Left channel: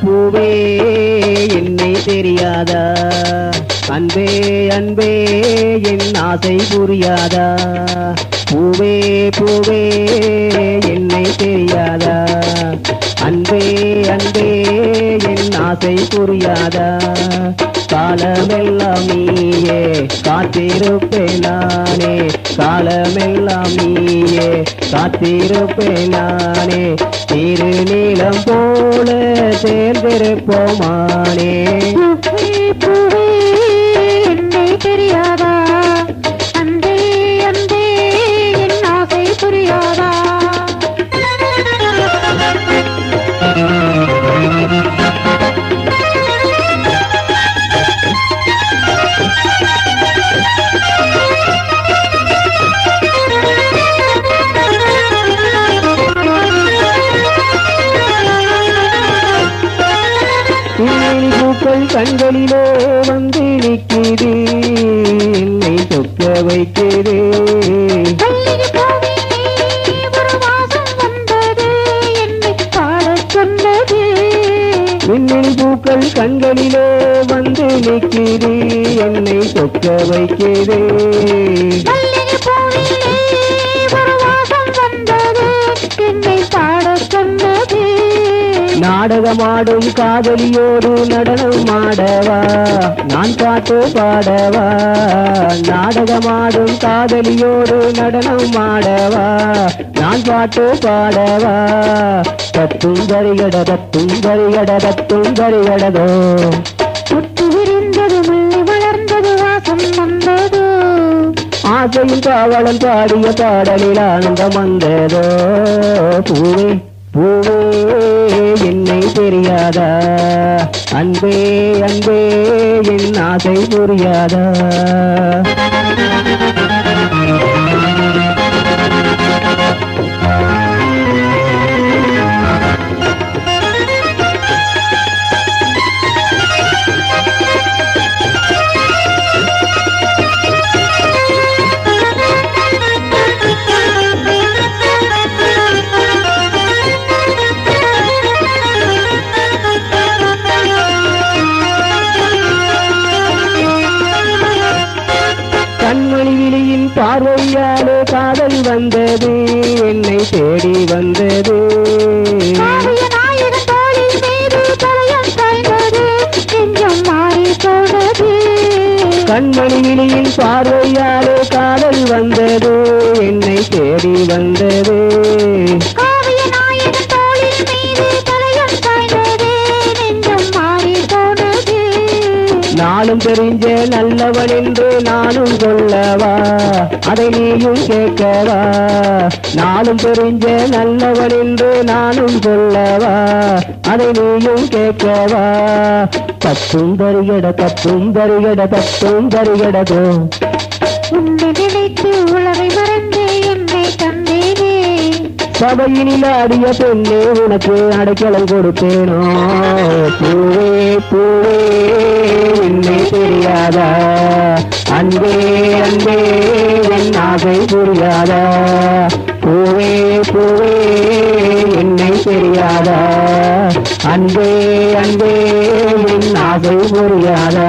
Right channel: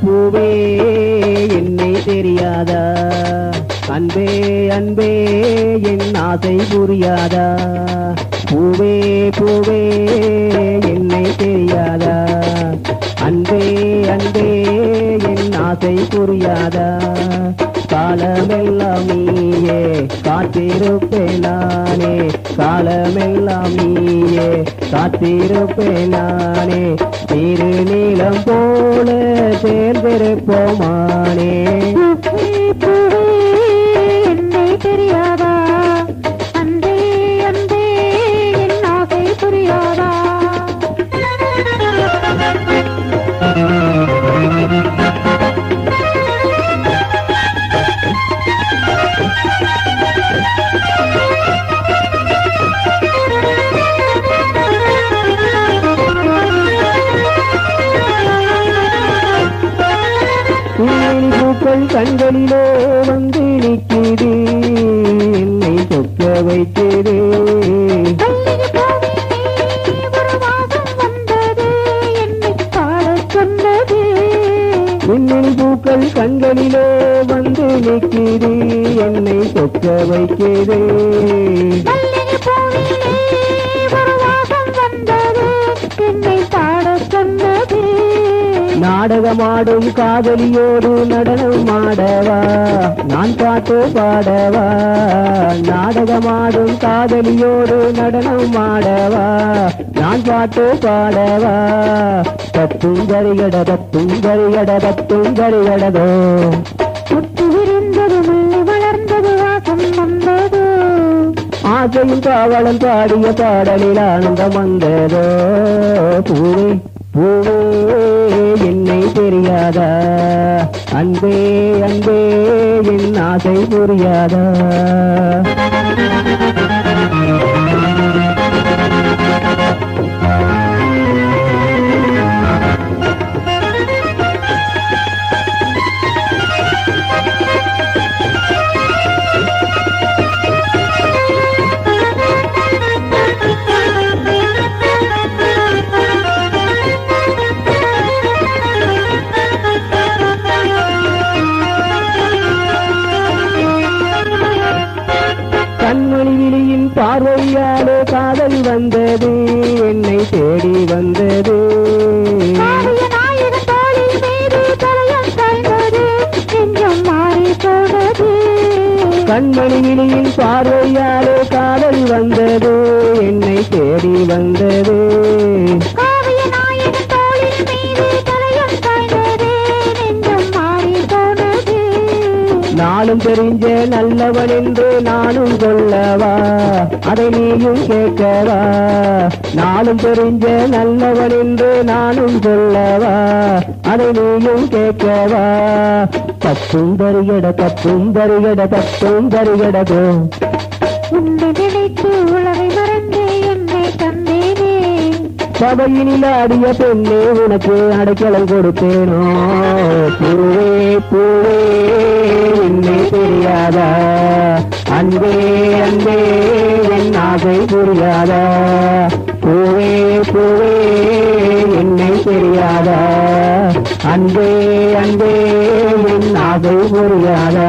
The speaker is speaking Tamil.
பூவே என்னை தெரியாதா, அன்பே அன்பே என் ஆசை புரியாதா. பூவே பூவே என்னை தெரியாதா, அன்பே அன்பே என் ஆசை புரியாதா. காலமெல்லாம் நீயே காத்திருப்பேன் நானே, காலமெல்லாம் நீயே காத்திருப்பேன் நானே. திருநீலம் போல சேர்ந்திருப்போமானே. என்னை தெரியாதா, அன்பே அன்பே என் ஆசை புரியாதா. பூக்கள் கண்களிலே வந்து நிற்கிறது, என்னை சொக்க வைக்கிறது. மின்னல் பூக்கள் கண்களிலே வந்து நிற்கிறது, என்னை சொக்க வைக்கிறது. நாடகமாடும் காதலியோடு நடனம் ஆடவா, நான் பாட்டு பாடவா. நாடகமாடும் காதலியோடு நடனம் ஆடவா, நான் பாட்டு பாடவா. தத்தும் கரிகட தத்தும் கரிகட தத்தும் கரிகடதோ. முத்து விரிந்தது முள்ளி வளர்ந்தது வாசம் வந்தது. ஆசையும் காவலன் பாடிய பாடலில் ஆனந்தம் வந்ததோ. பூவே பூவே என்னை தெரியாதா, அன்பே அன்பே என் ஆசை புரியாதா. கண்மணி விழியின் பார்வையாலே காதல் வந்தது, என்னை தேடி வந்தது. கண்மணி விழியின் பார்வையாலே காதல் வந்தது, என்னை தேடி வந்தது. நானும் தெரிஞ்ச நல்லவன் என்று நானும் சொல்லவா, அதை நீயும் கேட்கவா. நானும் தெரிஞ்ச நல்லவன் என்று நானும் சொல்லவா, அதை நீயும் கேட்கவா. தத்தும் தருகட தத்தும் தருகட தத்தும் தருகடதோ. உன்னை நினைத்து உலகை மறந்து என்னை தந்தேனே. சபையினில் ஆடிய பெண்ணே உனக்கு அடைக்கலம் கொடுத்தேனோ. பூவே பூவே என்னை தெரியாதா, அன்பே அன்பே என் ஆசை புரியாதா. பூவே பூவே என்னை தெரியாதா, அன்பே அன்பே என் ஆசை புரியாதா.